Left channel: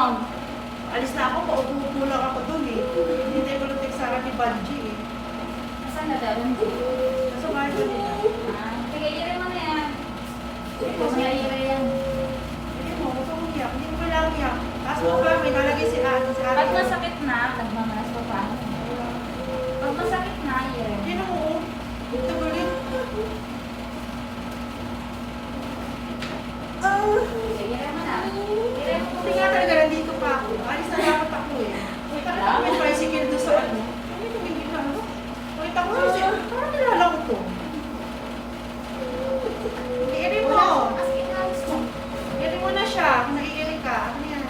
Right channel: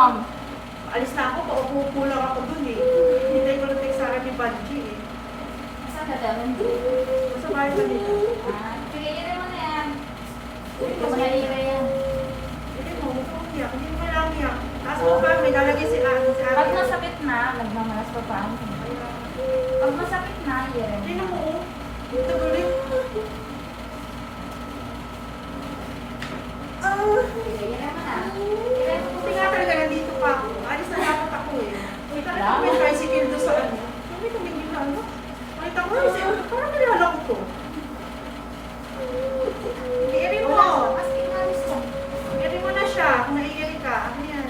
Mom. Alis na ako, paupo lang ako dun eh. Hindi ko lang sa akin ni Banji eh. Nasaan na daw? Hindi. Nasa bahay ko nila. Sige, yun mo na yan. Uy, Kung kasi, nahihira yan. hindi mo, huwag kang umiyak. Hindi mo kailangan iyak. Taas mo kami, nalagay si ate sa Pag akin. masakit na, nagmamalas pa paano. Pag masakit na, yun. Hindi na mo, dito ulit. Sige, yun mo na. Yun mo Hindi nga talaga nandito pa ako. Alis na dapat ako eh. Uy, talaga ako may tricycle doon sa ano. Hindi tumingin na ano. Nakita ko kasi, parang nilala ko to. Iirin mo. Iirin mo na siya. Kung naiiri ka. Ano yan?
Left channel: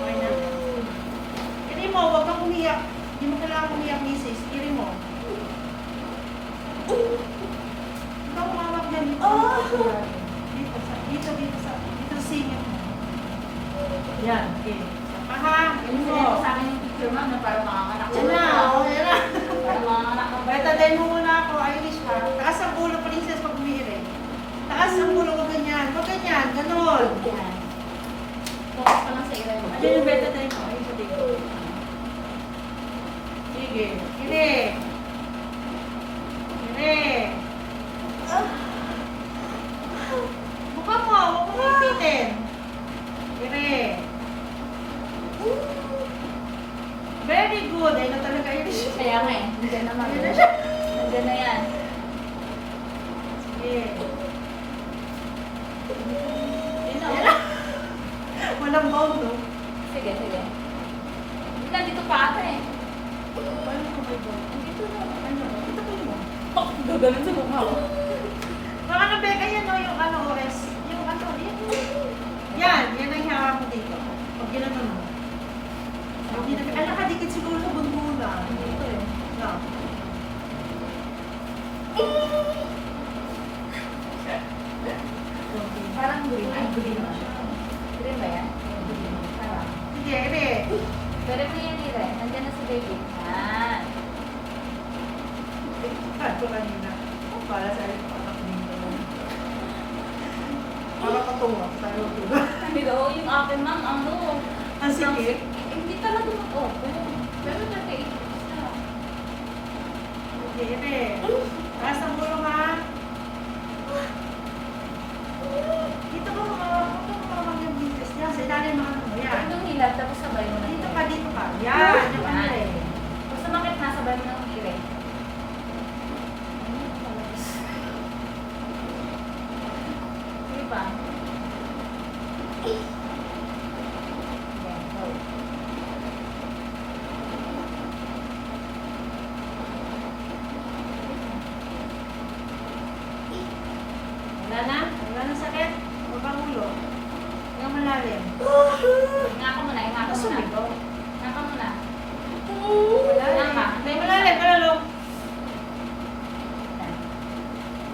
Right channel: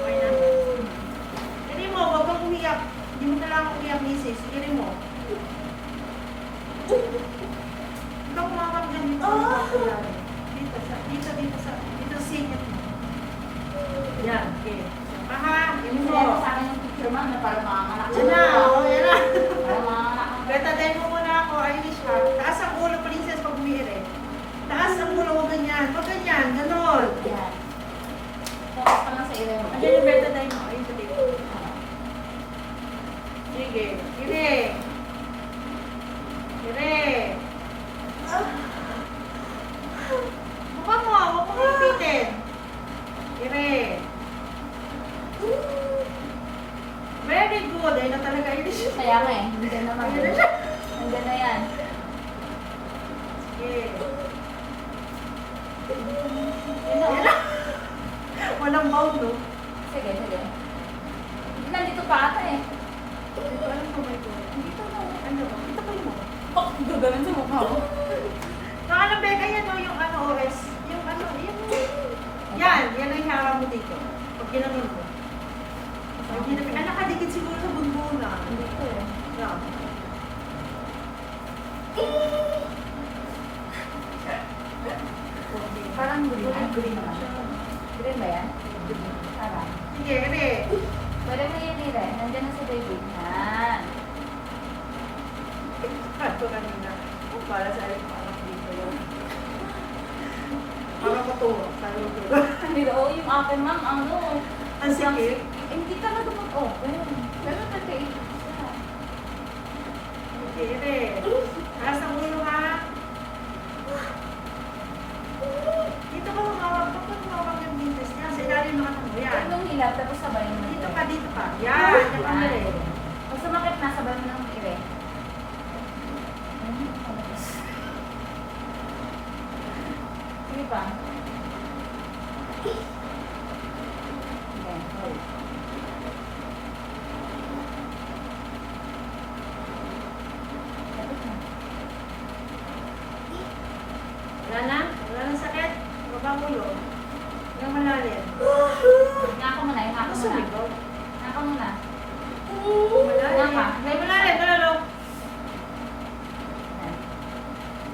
Okay na. Iirin mo. Huwag kang umiyak. Hindi mo kailangan umiyak, misis. Iirin mo. Ikaw umawak dyan dito. Dito sa singit mo. Yan. Okay. Aha. Iirin mo. Sinento sa akin yung picture, ma'am, na parang makanganak. Yan na. O, yan na. Parang makanganak. Betadine mo muna ako, Irish ka. Taas ang ulo, princess, pag umiiri. Taas ang ulo, huwag ganyan. Huwag ganyan, ganun. Yan. Focus pa lang sa ilan mo. Ano yung betadine mo? Ayun, pati ko. Sige. Iri. Iri. Mukha mo, huwag mo ipitin. Iri. Very good. Ayun na talaga, Irish. Kaya nga eh, hindi ka naman. Ayun na siya. Nandiyan na yan. Sige. Yun na. Ayan na. Walang bound, no? Sige, sige. Hindi nandito pa ata eh. Ano po ba ito? Dito na. Ano ba? Ito kayo mo. Oh, gaganon sa mukha ko. Baka ano, Becca, yan o, yung ano, OS. Yung ano, yung... Yan ang harap mo dito. Pag ginanon mo. Pag ginanon, nakadikit siguro sa bunbunan. Dito eh. Yan. Parang green. Ay, green na siya. Green ba yan? Parang. Sige, ere. Pero may yan eh. Nandiyan na si baby. Yan. Ito kanina. Oh, para sa akin, parang dito. Parang patuwa. Tayo ito. Pero yung akin ma'am, ano? Ang sikip. Hindi talaga mag-open. Pero nag-take siya. Sige, ere. Taas ang ulo, ha? Dito ka humawag. Huwag kang humawag ng business niya. Sa ilalim ng ano mo. Yan. Itong hilab, tapos sabay mo na. Dito pa, dito pa. Yan. Yung ano ere. Pag sumakit na, sabay mo na ng ire. Sige pa. Okay, hold. Wala na? Wala na sakit? Baba ang ulo. Hanggang malalim. Ngaka mo na, yung ngaka mo na. Sumigaw. Ngaka mo na. Malalim. Ngaka. May malalim. Malalong.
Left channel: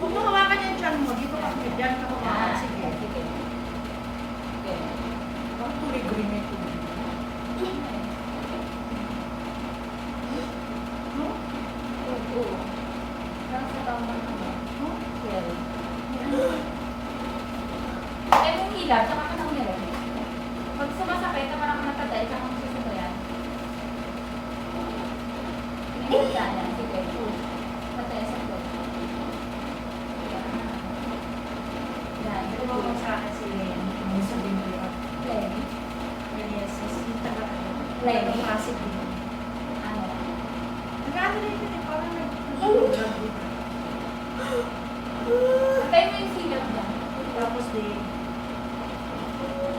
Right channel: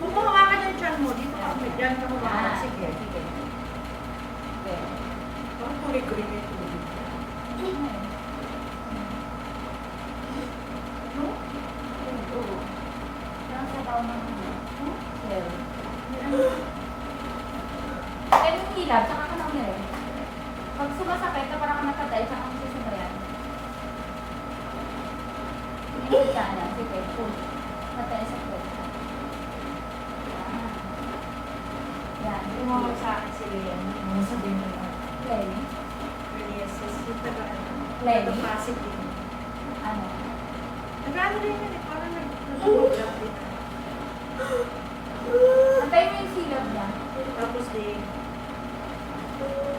Kung mahawakan yung tiyan mo, dito ka. Diyan ka mahawakan. Sige. Sige. Sige. Bakit tuloy-tuloy na ito? Oo. Parang sa taon ng ano. Well. Eh, yung hilab, saka ka nang nire. Pag sumasakit, na parang ka nakatay, saka kang susubayan. Hindi ka na. Sige. Patay sa plate. Yan. Tumawag sa akin si Liam. Ano sabihin mo yun? Lenny. Yes, yung taga... Lenny? Taga-Pasig. Ano? Nag-ano rin yun eh. Parang nag-grab din. Patay mo yung hilab niya. Tapos di...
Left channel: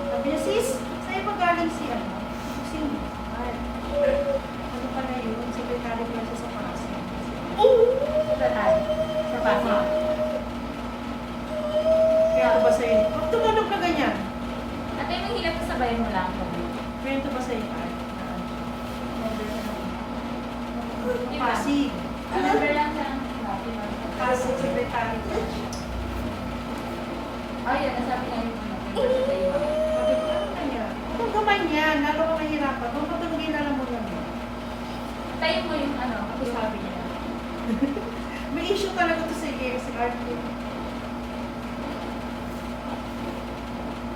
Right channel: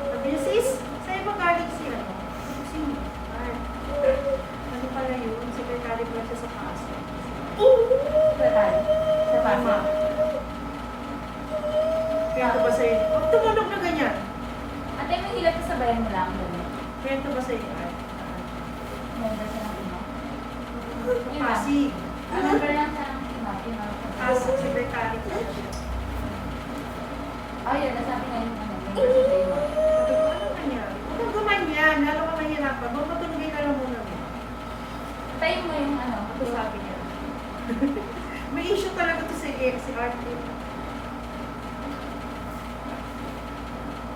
Sabi niya, sis, saan iba galing si ano? Sino? Ano pala yun? Secretary pala siya sa Pasig. Patay. Sa pasa. Kwento ba sa'yo? Huwag tumunog na ganyan. Atay mo yung hilab, tapos sabayan mo lang. Kwento ba sa'yo? Member siya ng ina. Iba. Pasig. Member lang siya ng ina. Pasig, secretary pala siya. Oh, yun. Nasabi nga yung ano. Member siya sa iba. Sabi ko, ano nangyari? Huwag kang gumanyan. Lalo ka mahirapan. Huwag matulogin na lang muna mo. Tayo mo yung ano. Ako sabi niya. May issue talaga to si Art.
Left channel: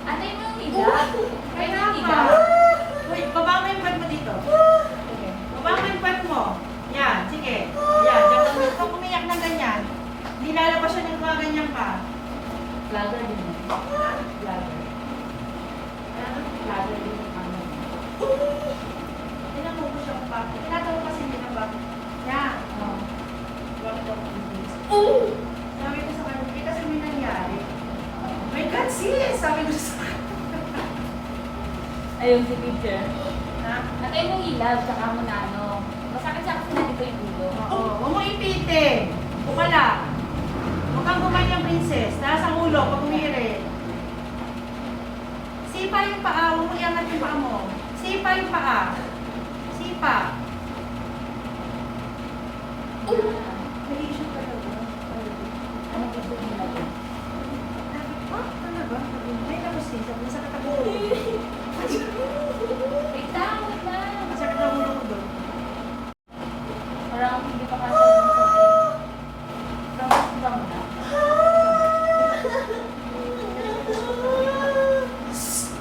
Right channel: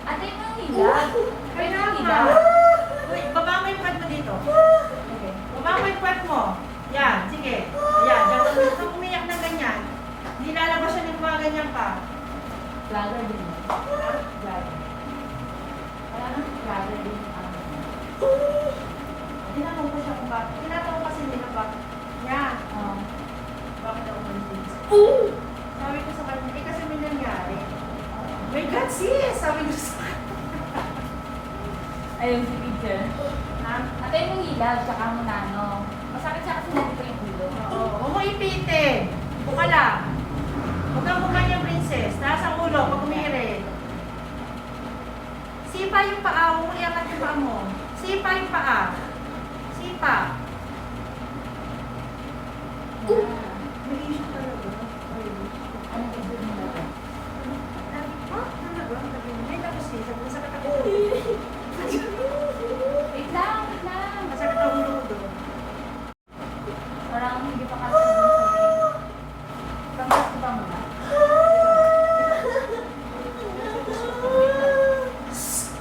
Atay mo yung hilab. Pwede yung Kaya hilab. Uy, baba mo yung kwet mo dito. Okay. Baba mo yung kwet mo. Yan, sige. Yan, yan. Kung umiyak ng ganyan, hindi lalabas siya ng mga ganyan ka. Vlogger din. Vlogger. Wala na, vlogger din yung amin. Tinanong ko siya kung bakit. Tinanong ko kasi hindi na bakit. Yan. Oh. Bakit daw ko hindi? Sabi ko sa kanya, eh kasi may nangyari. My God, sis! Sabi ko sa kanya. Ayun si teacher. Ha? Atayin yung hilab, tsaka mo na ano. Masakit sa akin na dito yung ulo. Oo. Huwag mo ipitin. Buka lang. Huwag kang gumanyang princess. Taas ang ulo pag umiri. Sipa yung paa. Huwag mo iangat yung paa mo. Sipa yung paa. Sipa. May issue talaga. Ano gusto nila dyan? Ah, talaga? Sabi mo, may tapos sis. Sabi mo, sakit ako. Wait lang, wait lang. Masakit ang ulo ko doon. Parang hindi pa kasi yung ba muna?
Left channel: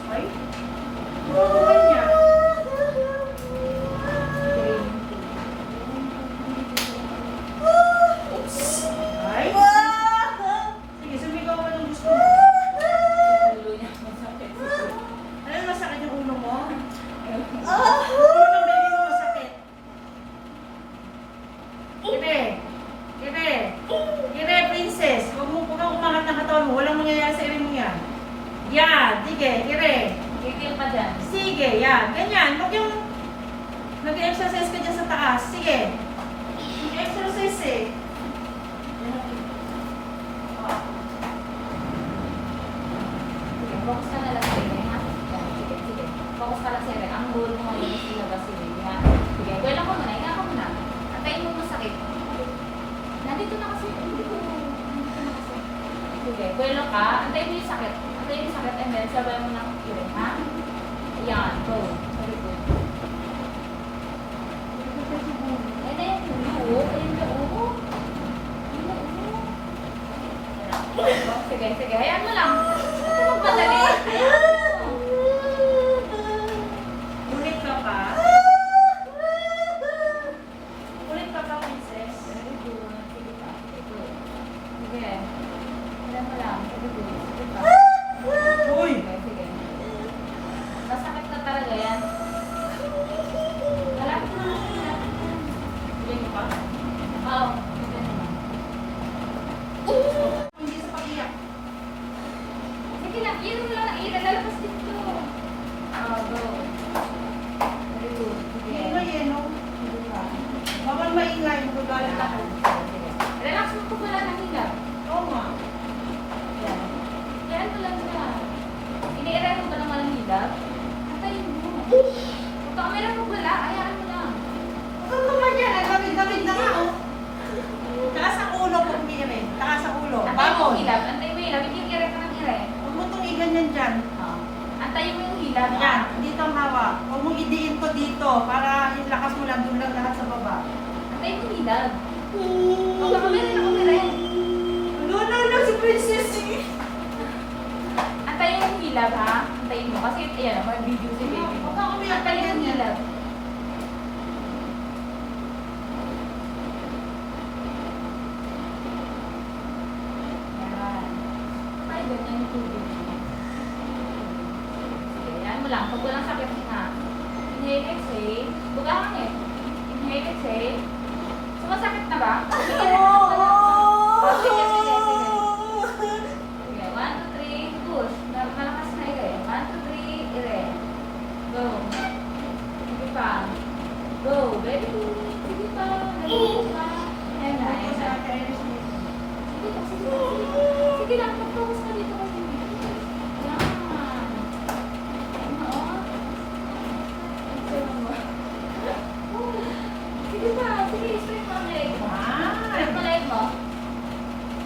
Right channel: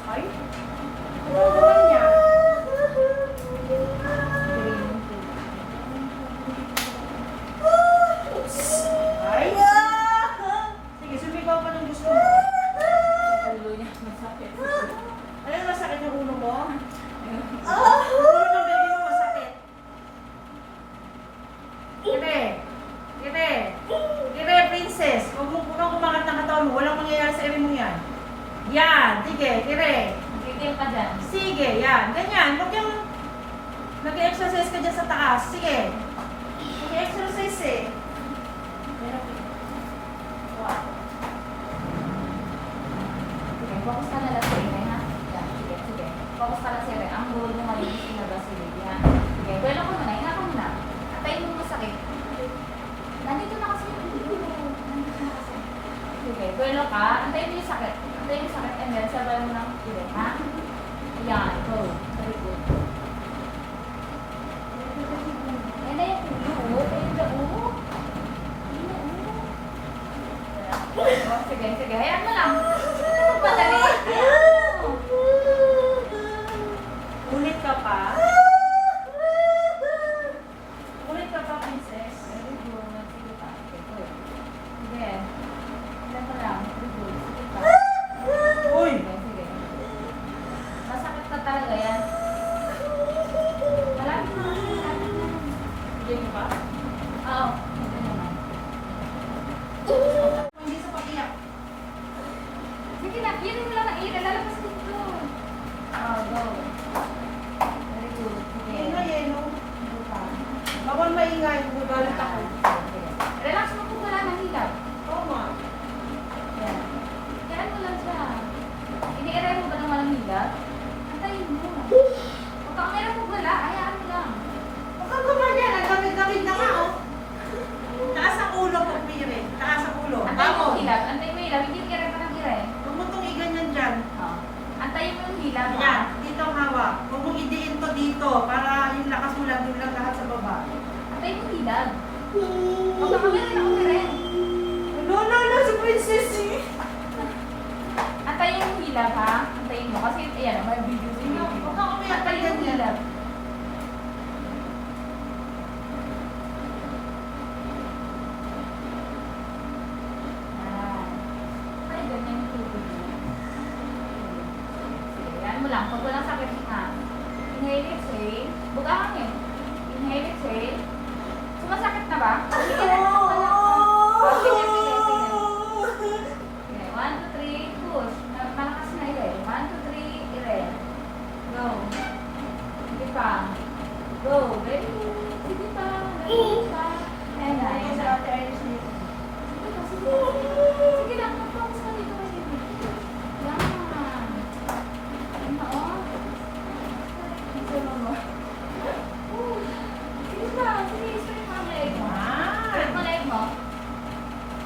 Ay? Huwag gumanya. Ay? Sige, sumigaw pa ng gusto mo. Ulo niya masakit. Ano masakit yung ulo mo? Ulo ng baby mo masakit. Gire. Gire. Gire, princess. Huwag kang kumangat ng katawan mo. Walang mangyayari sa ere mo yan. Yan. Sige, gire. Titil pa dyan. Sige, yan. Ganyan. Huwag yung nag-exercise ka dyan sa taas. Sige. Nag-exercise eh. Wow. Sige, focus ka na lang sa inyo, ha? Yan, sige, sige. Focus ka lang sa inyo. Ang goal mo ngayon is ilabas si Baby, ha? Sige, buwelo ka muna, hinga ka muna. Atayin mo masakit. Nandito na kasi. Nandito na kasi. Sige, buwelo ka. Antayin mo yung sakit. Antayin mo yung sakit and then sabay mo ng iwi, ha? Yan, go. Very good. Ayun na yung ulo, oh. Ayun na, oh. Ayun na, oh. Oh, sige, sige. Hayaan mo lang. Ito magmadali. Hayaan mo. Ulit ka pa. Ulit ka pa, princess. Very good. Sige pa. Sige, good. Sige. Hayaan mo lang. Sige, good. Sige pa. Uy! Sige, sige. Masakit na talaga yan. Malapit na. Malapit na. Sige mo pa? Oo. Sige mo na. Hindi sa pag-iyak. Sige lang. Iyan mo lang na ira. Lalabas dito. Go. Very good. Sige. Yeno, yeno. Sige pa. Bawal maingay. Magagalit ako. Relax mo kung wala nang hilap. Oo nga. Yan. Yan mo lang siya. Iniiray mo ba ng walang hilap? Antayin mo. Huwag ka kamera pag wala. Hayaan mo lang. Huwag kang naman yan. Ang gamit-gamit na nga, oh. Taas ang ulo pag umiri. Taas ang ulo. Antayin mo Bangon. yung hilap. Antayin mo yung hilap. Hindi yung iray pa ng iray. Huwag mo itong iganyan dyan. Oh. Antayin mo yung hilap. Yan. Dito ang hawak. Huwag mong idiin to dito para yung lakas mo lang doon lang lahat sa baba. Antayin mo yung hilap. Huwag ka kamera na kamera. No, no, no. Si princess. Antayin mo yung hilap ha. Antayin mo. Kasi ayan, may video si baby mo. Huwag kang umiyak Antayin mo yung ganyan. hilap. Yan. Ay, ganyan yung tubig mo. Sige, yan mo lang. Pag walang sakit nga. Inhale, exhale. Bukaan eh. Inhale, exhale. Sumasakit na ba? Sige, oh, sige, sige, sige. Sige, 1, 2, 3, push. Malakas na ire. 1, 2, 3, ire. Go. Sige pa. Go. Very good. Sige pa. Very good pa. Ayan na, ayan na. Sige pa, sige pa. Sige lang, mag-focus ka dito kay baby. Yan. Ayan na, oh. Sige mo. Sige pa, sige, straight mo ang leg mo. Straight mo leg mo.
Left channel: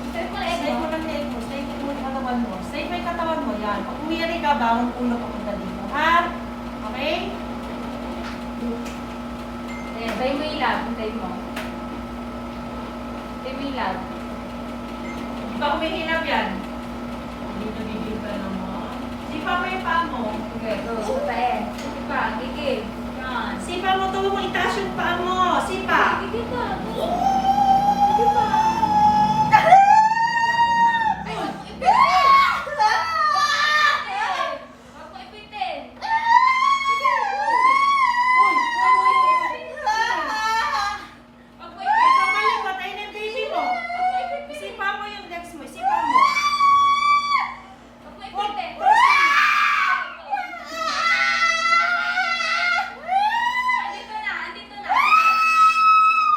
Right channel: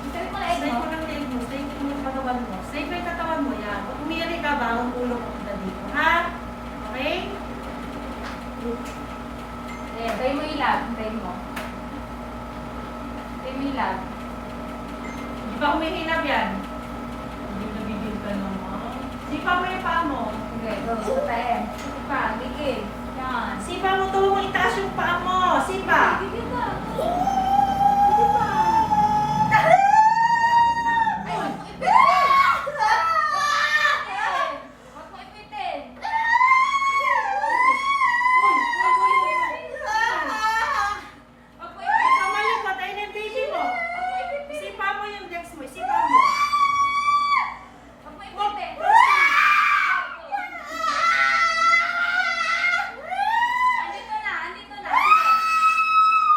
Straight mo leg Stay mo. mo lang leg mo. Stay mo yung katawan mo. Stay mo yung katawan mo. Yan. Pag umiri ka, bawang ulo papunta dito. Ha? Okay? Ayan, tayo mo ilab. Tayo mo. Tayo mo ilab. Di ba humihilap yan? Bibigil ka naman. Sipa mo yung paa mo. Okay, go. Sipain. Sige pa, gigil. Yan. Sipa mo, tuwa mo itaas yung paa mo. Sipa. Gigil ka. Sige pa. Malapit na. Ay, huwag mo ipitin. Huwag mo ipitin. Sige, go. Uy, Huwag mo ipitin. Huwag mo ipitin. ito malikot. Ayun yung baby mo. Huwag mo ipitin. Sipa mo yung legs mo. Sipa mo. Huwag mo Huwag. ipitin. Andito na, andito na.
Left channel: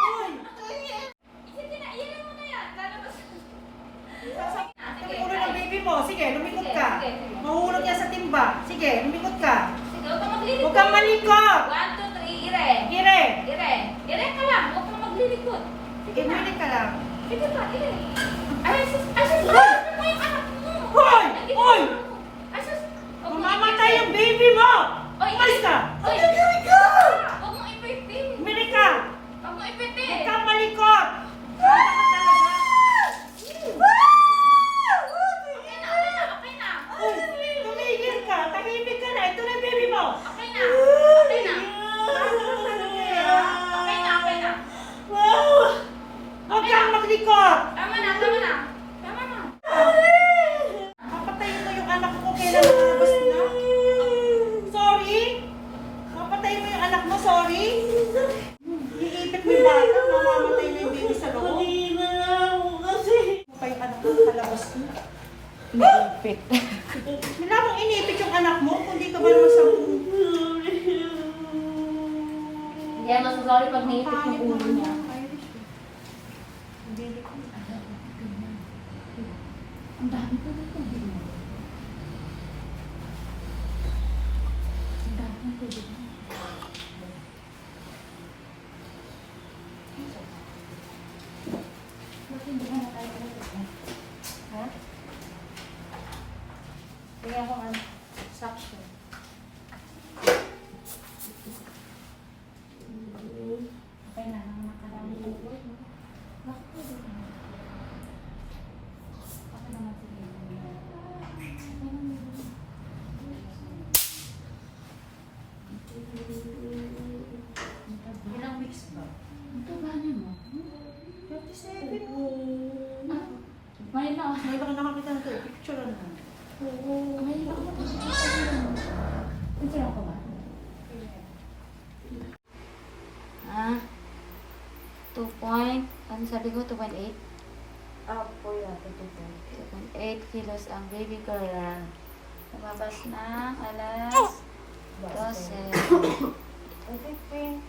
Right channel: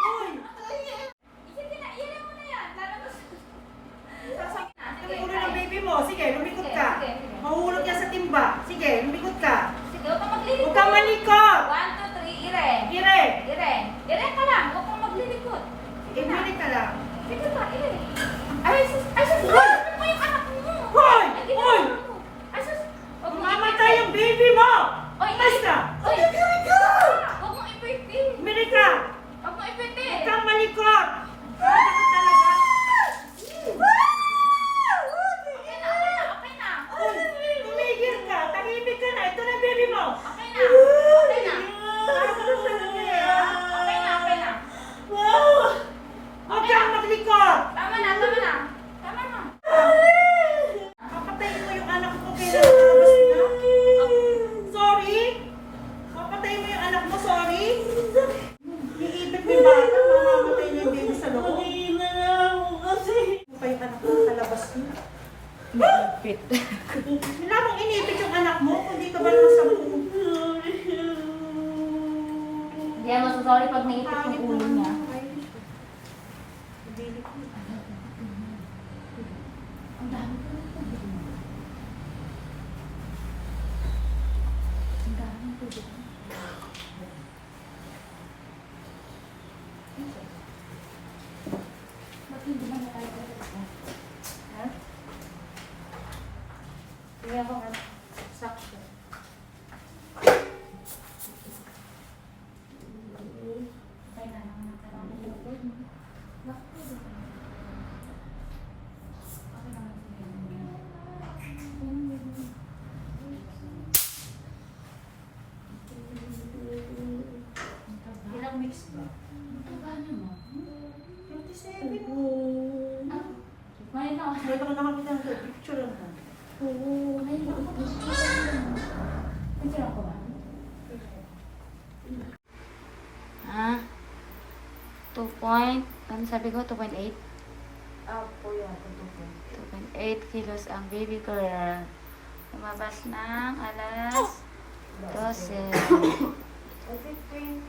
Uy. Sige na, iyan mo na yan. Lalabas. Ito yung ulo ng baby mo. Sige, lumikot Sige, ka. sige, sige. Mahulog yan sa timba. Sige, lumikot ka. Sige, huwag kang maglilikod. Huwag kang malikot. 1, 2, 3, ire. Ire. Ire. Ire ka lang. Huwag kang maglilikod. Sige na. Imilik ka lang. Sige pa, ire. Ay, sus. Ay, sus. Hoy! Ano mo yung anak mo? Hoy! Ay, hindi Hoy! ka ano. Ay, sus. Huwag mo Mamamatay ipitin. yung baby mo. Oy, Mas ka. Oy, huwag mo ipitin. Imilik ka. Huwag mo ipitin. Huwag kang malikot. Bata ka talaga. Okay na, okay na, okay na. Uy, tumigil ka. Tahimik ka na. Ito na yung baby mo. Okay na. Okay na. Bata ka talaga eh. Okay na, okay na. Huwag kang maglikot. Tama na, tama na. Tama na. Papatayin mo yung anak mo kailan lumabas na? Sorry? Papatayin mo yung anak mo, sorry? Iipit mo yung bata, mamamatay na yung baby sa loob. Mo pa yung anak mo kalabas mo. Iipit. Wala mong inipit yung anak mo, kung di ka ba naman sa buong. Hindi ako masasabi pag naipit Pangit yung ulo naman niya. yan. Ang dami ko dito. Ang dami ko dito. Ba't hindi mo nalagay? Ha? Hindi ako ano, sakso. Okay na, nang nakarami ko. Bakit po dito? Okay naman sige. Ilang weeks ba? Ang taba niyo, no? 27. Ngayon na. May baka nakakita na ito, picture lang ka. Ngayon na. Picture ako ba? Ah? 2 point, ano sabi ko? 2.8? Po yung ating tutup. 2.8 kilos ang baby girl. Lumabas ng alas 12. 23?